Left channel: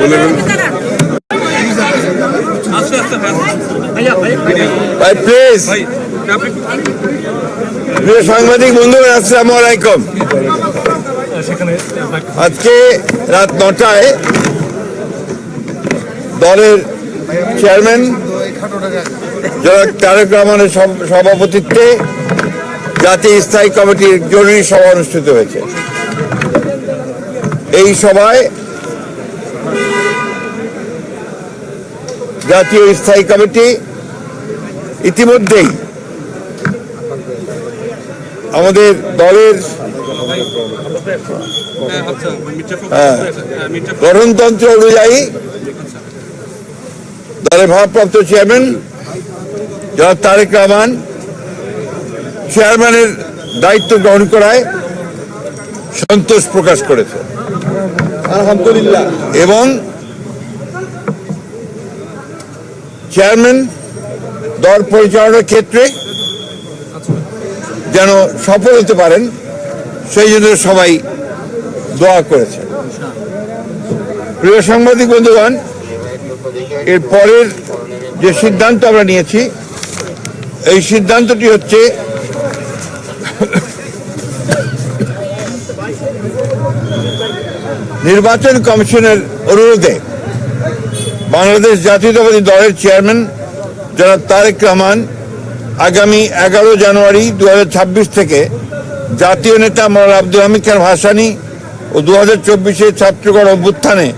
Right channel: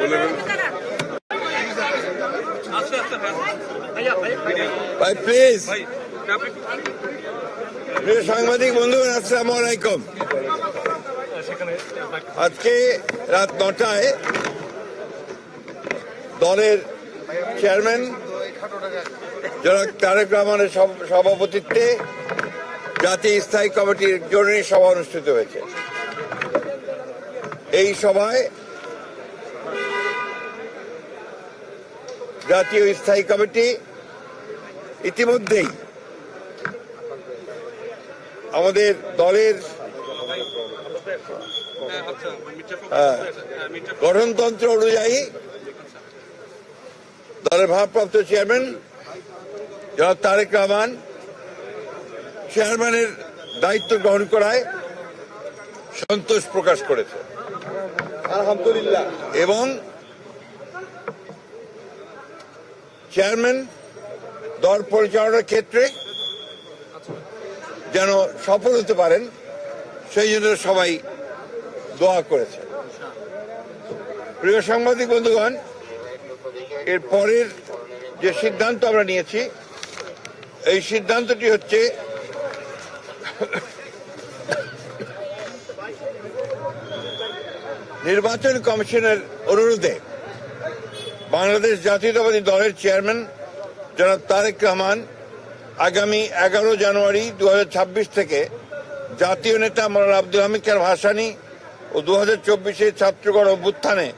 Please প্রিয় সাংবাদিক বন্ধুরা, আসসালামু আলাইকুম। আজকে রাত 9টায় দলের চেয়ারম্যান জনাব তারেক রহমানের সভাপতিত্বে জাতীয় স্থায়ী কমিটির জরুরি সভা অনুষ্ঠিত হয়েছে। এই সভায় জাতীয় স্থায়ী কমিটি ইতিমধ্যেই আমাদের দলের গঠনতন্ত্র অনুযায়ী দলের ভারপ্রাপ্ত চেয়ারম্যান জনাব তারেক রহমান চেয়ারম্যানের দায়িত্ব গ্রহণ করায় সন্তোষ প্রকাশ করেছে আলহামদুলিল্লাহ, এবং চেয়ারম্যান দল পরিচালনার ক্ষেত্রে যেন সফল হতে পারেন সেই জন্য সবাই দোয়া করেছে। প্রিয় সাংবাদিক বন্ধুগণ, এর পরের যে সিদ্ধান্ত আমরা নিয়েছি, এই সিদ্ধান্তটি হচ্ছে নির্বাচন কমিশনের অনুরোধে বাংলাদেশ জাতীয়তাবাদী দলের চেয়ারম্যান জনাব তারেক রহমান আগামী 11 জানুয়ারি 2026 থেকে জাতীয় নেতা মওলানা আব্দুল হামিদ খান ভাসানী ও 2024 ছাত্রগণ অভ্যুত্থানে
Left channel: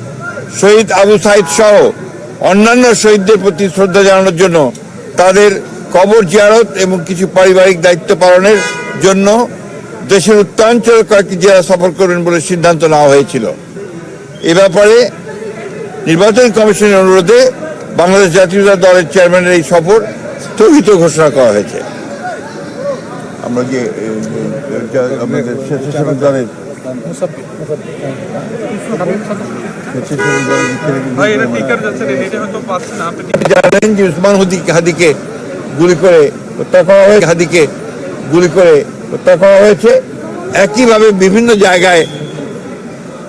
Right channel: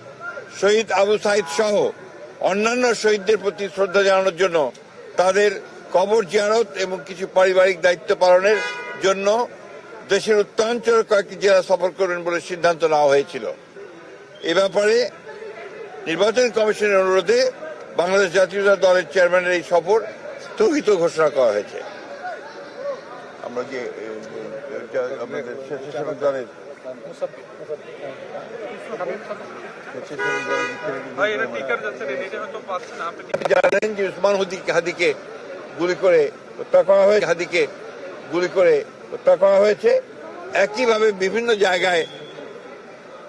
শহীদ আবু সাইদ সহ অন্যান্য শহীদদের প্রতি শ্রদ্ধা জানানোর জন্য তাদের কবর জিয়ারত এবং কিছু পারিবারিক দায়িত্ব পালনের জন্য দেশের উত্তরাঞ্চলের কয়েকটি জেলা সফর করবেন বলে সিদ্ধান্ত নেওয়া হয়েছিল। এ ব্যাপারে নির্বাচন কমিশনের অনুরোধে বাংলাদেশ জাতীয়তাবাদী দলের চেয়ারম্যানের এই সফর স্থগিত ঘোষণা করা হয়েছে। আমরা যে আমাদের স্বেচ্ছাসেবক দলের জানেন যে উসমান হাদিকে গুলি করে হত্যা করা হয়েছে। একইভাবে বিভিন্ন জায়গায়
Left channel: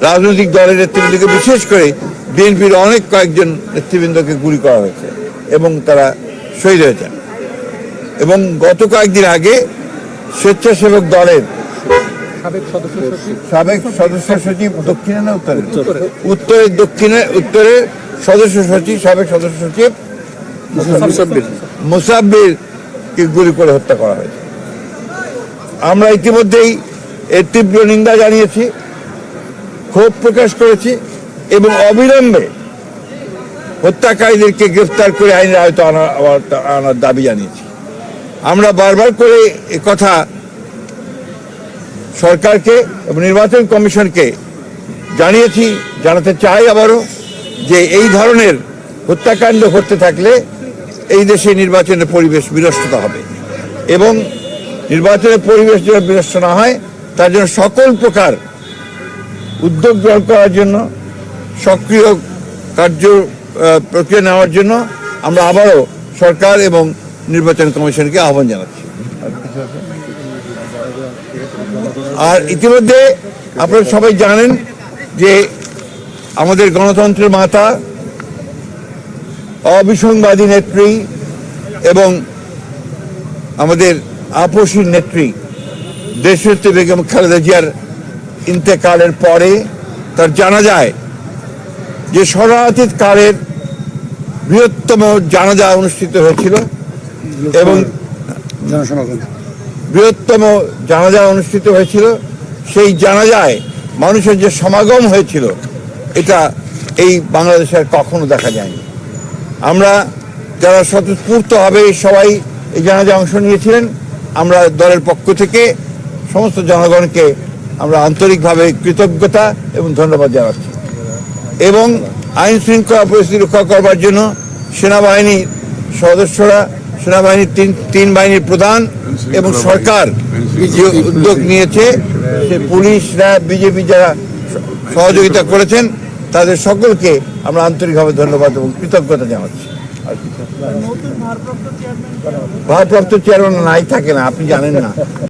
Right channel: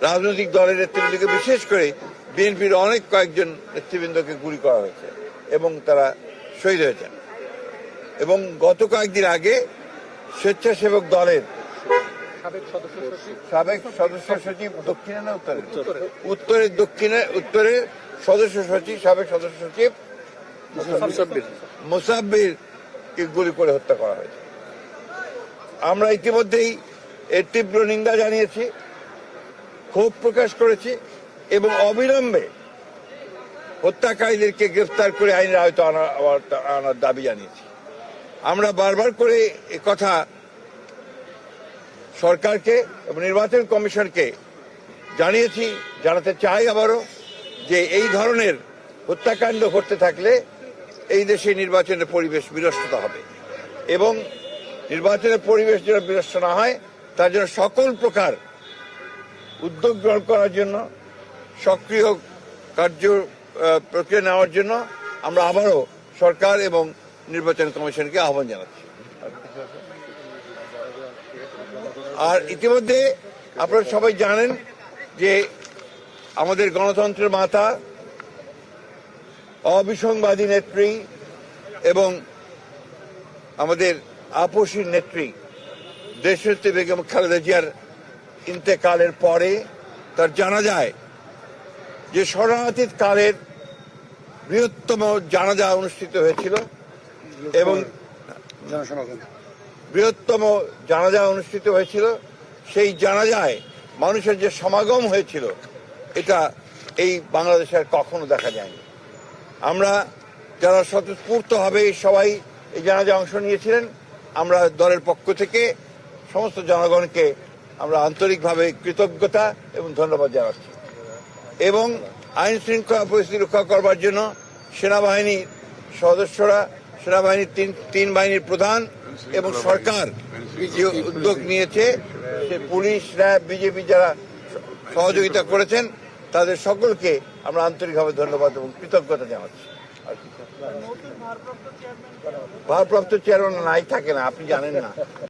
রাজনৈতিক দলের নেতৃবৃন্দকে, বিশেষ করে বিএনপির অনেক কয়েকজন নেতৃবৃন্দকে গুলি করা হয়েছে এবং তারা শহীদ হয়েছেন। এবং গত কয়েকদিন আগে স্বেচ্ছাসেবক দলের সাবেক সদস্য সচিব দক্ষিণে না উত্তরের সদস্য সচিব সাবেক সদস্য সচিব মুসাব্বিরকে গুলি করে হত্যা করা হয়েছে। আমরা ইতিমধ্যেই এর তীব্র নিন্দা জানিয়েছি, ক্ষোভ প্রকাশ করেছি এবং অবিলম্বে হত্যাকারীদেরকে গ্রেফতার করে আইনের আওতায় আনার দাবি জানিয়েছি। আমরা বারবার করে কথা সরকারকে এবং নির্বাচন কমিশনকে জানিয়েছি, জানাতে চাই আবারও, যে এই ধরনের হত্যাকাণ্ড ঘটতে থাকলে এই দেশে নির্বাচনের পরিবেশ বিনষ্ট হবে এবং নির্বাচনের পরিবেশ যেন বিনষ্ট না হয় তার জন্য সকল প্রকার উদ্যোগ গ্রহণ করার জন্য, সক্রিয় কার্য প্রক্রিয়া নেওয়ার জন্য আমরা আবারও সরকার এবং নির্বাচন কমিশনকে আহ্বান জানাচ্ছি। আর ইতিমধ্যে আপনারা সবাই জানেন যে আমাদের গণতন্ত্রের মাতা, অবিসংবাদী নেত্রী এবং আমাদের আপসীর নেত্রী দেশনেত্রী বেগম খালেদা জিয়ার ইন্তেকালের পরে তার জানাজায় যে শরণার্থী কালের বৃহত্তম জানাজা অনুষ্ঠিত হয়েছিল এবং সেই জানাজায় মানুষের যে সমাগম হয়েছিল, এটা এই বাংলাদেশের কখনো দেখা যায়নি। আমরা যারা স্বতঃস্ফূর্তভাবে সবাই এই জানাজায় অংশ নিয়েছিলেন, আমরা দলের পক্ষ থেকে সমস্ত জনগণকে আমরা আন্তরিকভাবে কৃতজ্ঞতা এবং ধন্যবাদ জানাচ্ছি। এবং আইন শৃঙ্খলা পরিস্থিতি রক্ষা করবার জন্য সেনাবাহিনীর সদস্যরা, সেনাবাহিনীর তিন বাহিনীর প্রধান এবং সরকার যে উদ্যোগ নিয়েছে, সে পুলিশ, র্যাব, বিজেপি যারা সহযোগিতা করেছেন, তাদের সকলকে আমরা আন্তরিকভাবে ধন্যবাদ এবং কৃতজ্ঞতা জানাচ্ছি। ভারপ্রাপ্ত চেয়ারম্যান নাই থাকে না, আপনি জানেন না।